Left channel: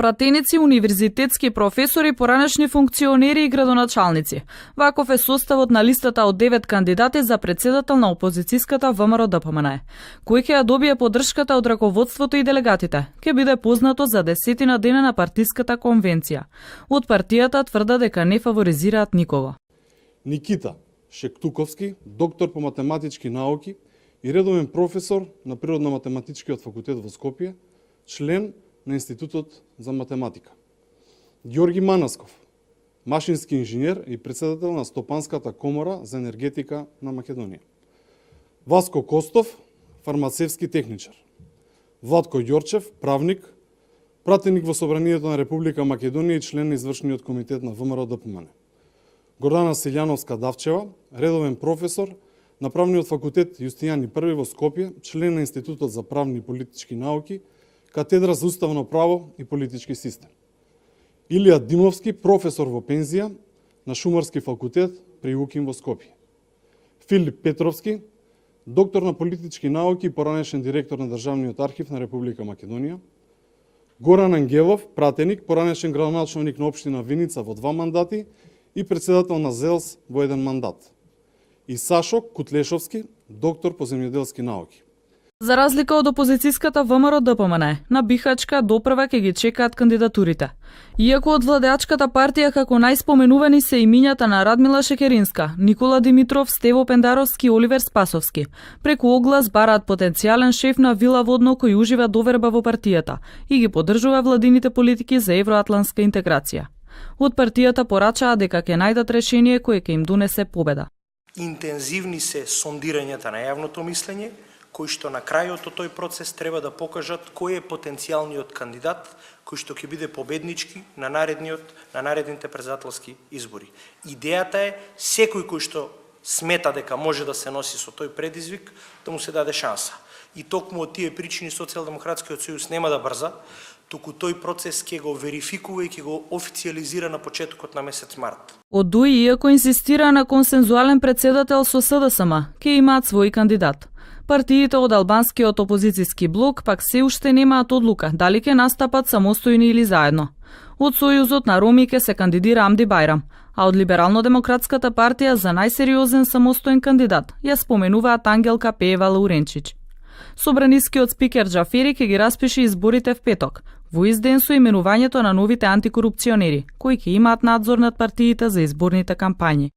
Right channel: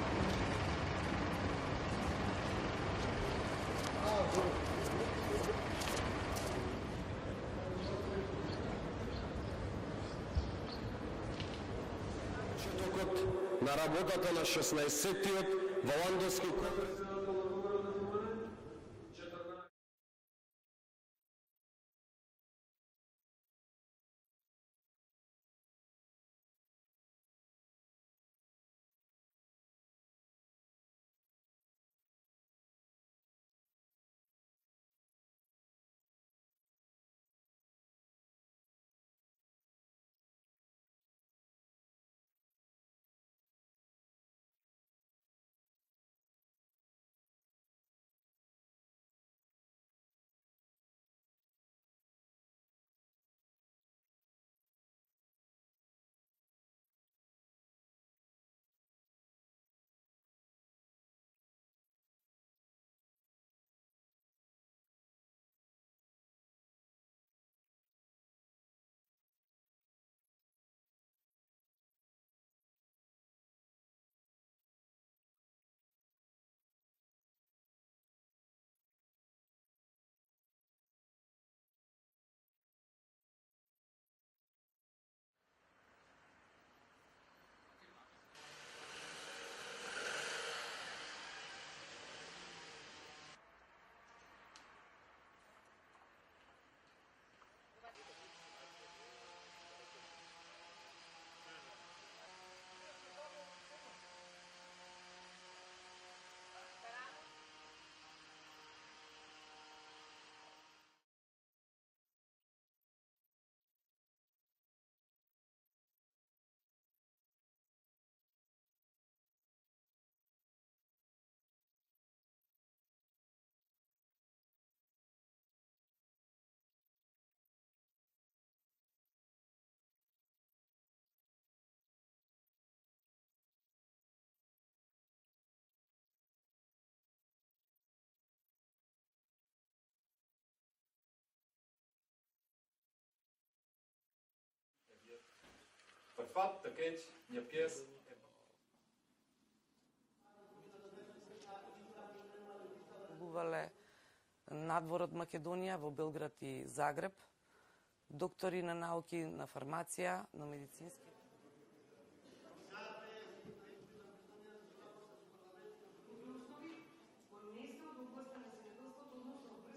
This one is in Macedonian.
Пратеници, универзитетски професори, поранешни функционери и градоначалници. Ваков е составот на листата од 9 кандидати за председател на опозицијската ВМРО-ДПМН. Кој ќе ја добие поддршката од раководството и делегатите, ќе биде познато за 10 дена на партиската конвенција. Од партијата тврда дека не фаворизираат никого. Никита Шектуковски, доктор по математички науки и редовен професор на Природно-математичкиот факултет во Скопје, член на Институтот за математика. Ѓорги Манасков, машински инженер и председател на Стопанската комора за енергетика на Македонија. Васко Костов, фармацевски техничар. Владко Ѓорчев, правник, пратеник во Собранието на Република Македонија и член на извршниот комитет на ВМРО-ДПМН. Гордана Силјановска-Давчева, редовен професор на Правниот факултет Јустијан I во Скопје, член на Институтот за правни и политички науки, катедра за уставно право и политички систем. Илија Димовски, професор во пензија на Шумарски факултет при УКИМ во Скопје. Филип Петровски, доктор на политички науки и поранешен директор на Државниот архив на Република Македонија. Горан Ангелов, пратеник, поранешен градоначалник на општина Виница во 2 мандати и председател на ЗЕЛС во 1 мандат. И Сашо Кутлешовски, доктор по земјоделски науки. За разлика од опозицијската ВМРО-ДПМН, на Бихачка допрва ќе ги чекаат кандидатурите. Иако од владеачката партија како најспоменувани се имињата на Радмила Шекеринска, Никола Димитров, Стево Пендаровски и Оливер Спасовски, преку оглас бараат потенцијален шеф на Вила Водно кој ужива доверба во партијата и ги поддржува владините политики за евроатлантска интеграција. Од партијата порачаа дека ќе најдат решение кое ќе им донесе победа. Интензивни се сондирањата на јавното мислење, кои што на крајот од тој процес треба да покажат кој е потенцијалниот кандидат кој што ќе биде победнички на наредните председателски избори. Идејата е секој кој што смета дека може да се носи со тој предизвик, да му се даде шанса. И токму од тие причини Социјалдемократскиот сојуз нема да брза, туку тој процес ќе го верификува и ќе го официјализира на почетокот на месец март. Од ДУИ, иако инсистира на консензуален председател со СДСМ, ќе имаат свој кандидат. Партиите од албанскиот опозицијски блок пак се уште немаат одлука дали ќе настапат самостојно или заедно. Од Сојузот на Роми ќе се кандидира Амди Бајрам, а од Либерално-демократската партија за најсериозен самостоен кандидат ја споменуваат Ангелка Пеева Лауренчич. Собранискиот спикер Џафери ќе ги распише изборите в петок, во изден со именувањето на новите антикорупционери, кои ќе имаат надзор над партиите за изборните кампањи.